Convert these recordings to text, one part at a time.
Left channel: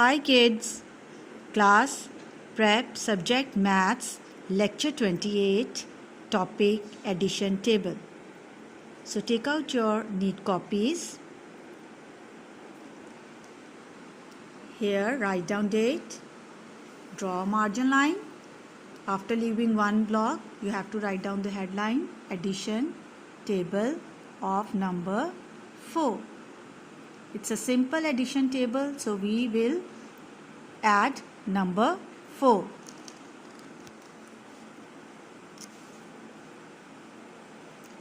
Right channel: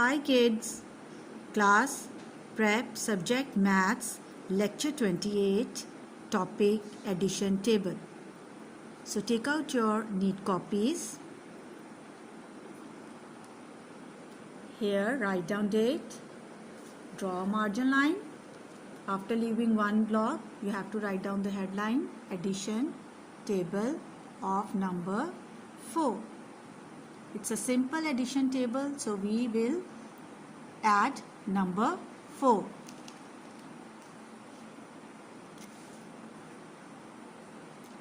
Hi kids, class prep subject maths lecture 28 topic addition table. So take out your neat copies. Here write down date, draw a margin line. After leaving one block you have to write down the headline addition table of number 4. It's a simple addition table, so we will add number 4.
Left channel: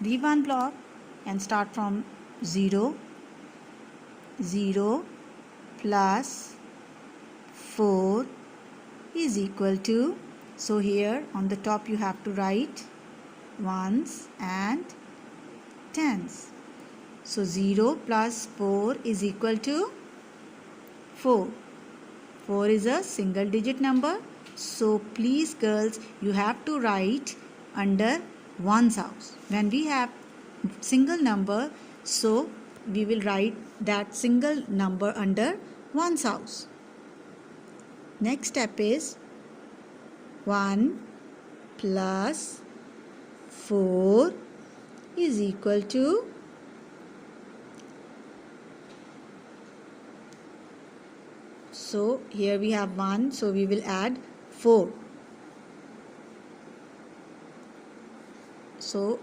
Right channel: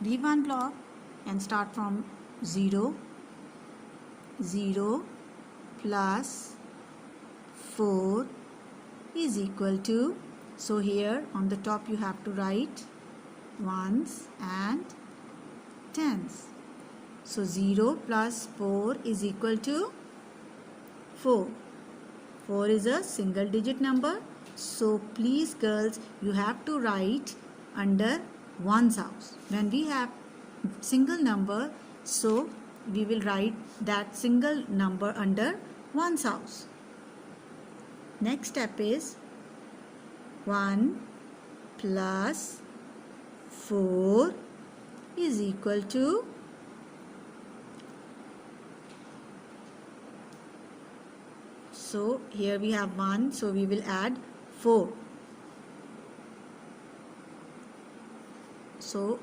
Leave one block and start from 0. 0 plus 4 is equal to, so here on the top you have to write ones and tens. So 0 plus 4 is equal to 4. 4 is a single digit number. So please girls, you have to write under ones house. When we have single number, so we will write that single number under ones house. Next step is 1 plus 4 is equal to so here we have 1, so we will add 4. So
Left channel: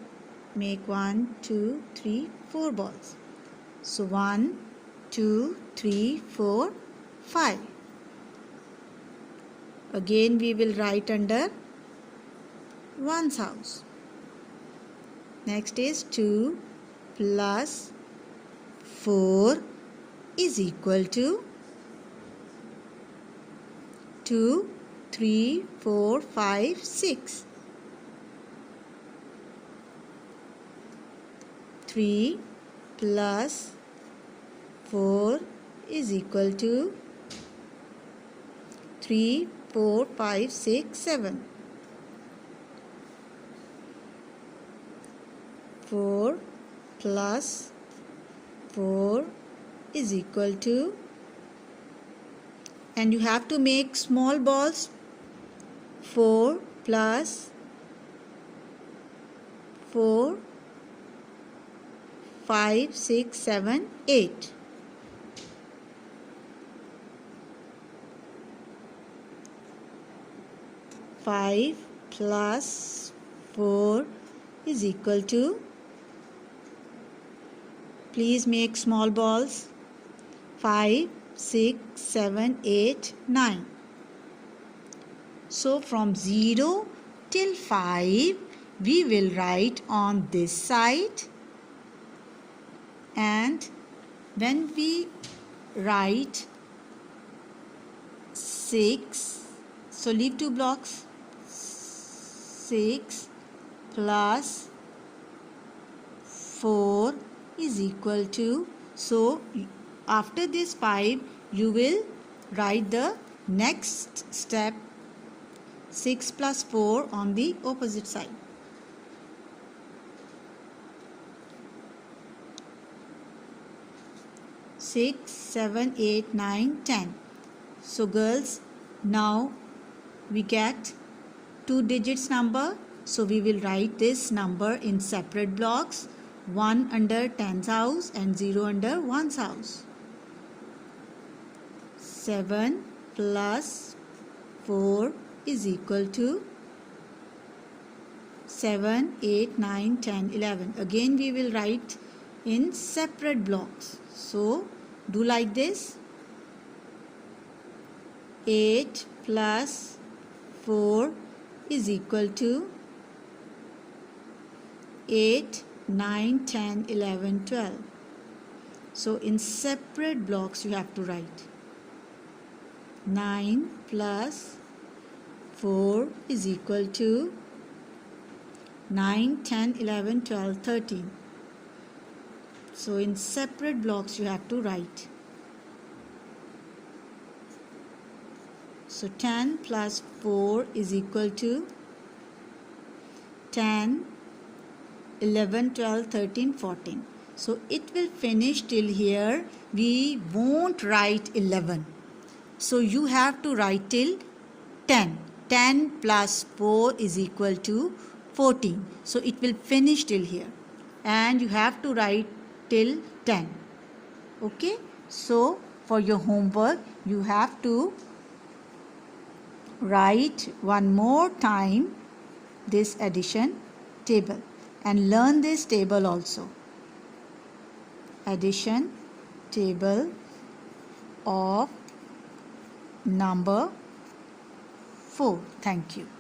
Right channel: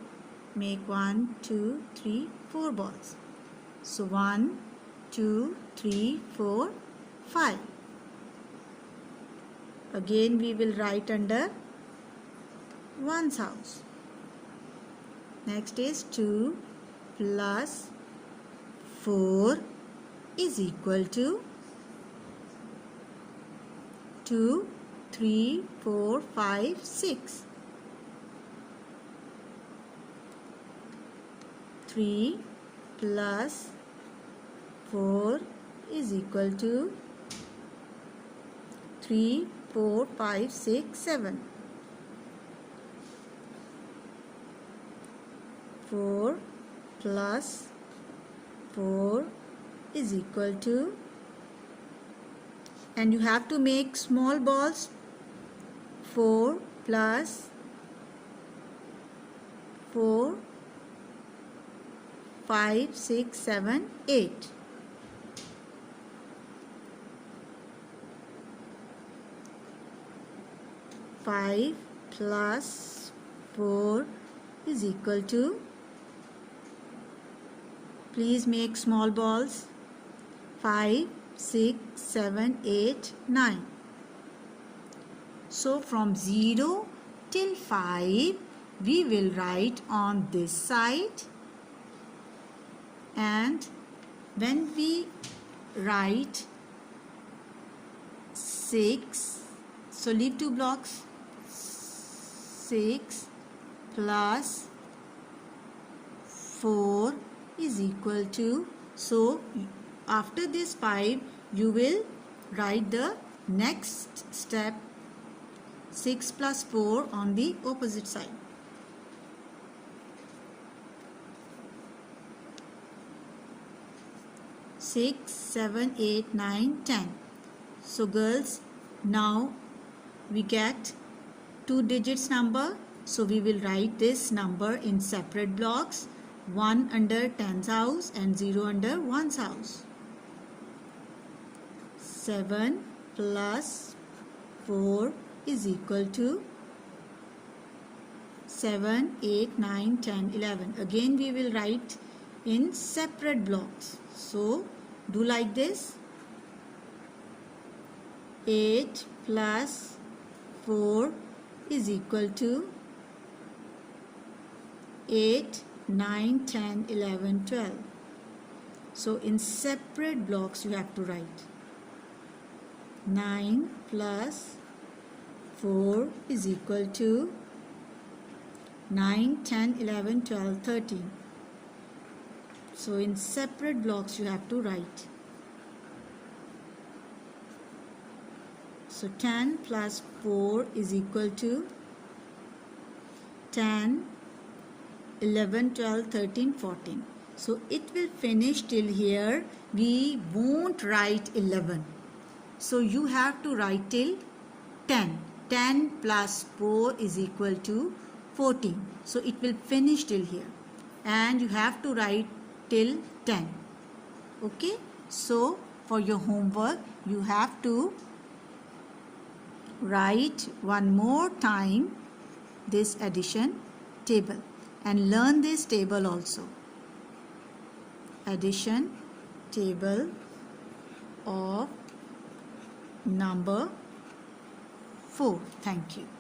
make 1, 2, 3, 4 balls. So 1, 2, 3, 4, 5. Again we will write under ones house. Next is 2 plus 4 is equal to 2, 3, 4, 5, 6. 3 plus 4 is equal to 3, 4, 5, 6, 7. 4 plus 4 is equal to, and you have to make small balls. 4 plus 4, 5, 6, 7, 8. 5 plus 4 is equal to, please make small balls. 5, 6, 7, 8, 9. So from 0 till 5 we will write on this side, and when we write 6, so leave 2 blocks. 6 plus 4 is equal to, so after this 5 you will write the next step 6 plus 4 on the opposite side. Six, 7, 8, 9, 10. So girls, now we get 2 digits number, so we will write this number in separate blocks, 1 under tens house and 0 under ones house. 7 plus 4 is equal to 7, 8, 9, 10, 11. Again we will write in separate blocks. So do like this. 8 plus 4 is equal to 8, 9, 10, 11, 12. So in separate blocks you have to write. 9 plus 4 is equal to 9, 10, 11, 12, 13. So in separate blocks you have to write. So 10 plus 4 is equal to 10, 11, 12, 13, 14. So it will finish till here. We won't write 11. So you have to write till 10. 10 plus 4 is equal to 14. So it will finish till here. And you have to write till 10. Okay. So for your homework, you have to write one more time this addition table and learn this table also. Addition table of number 4. Thank you.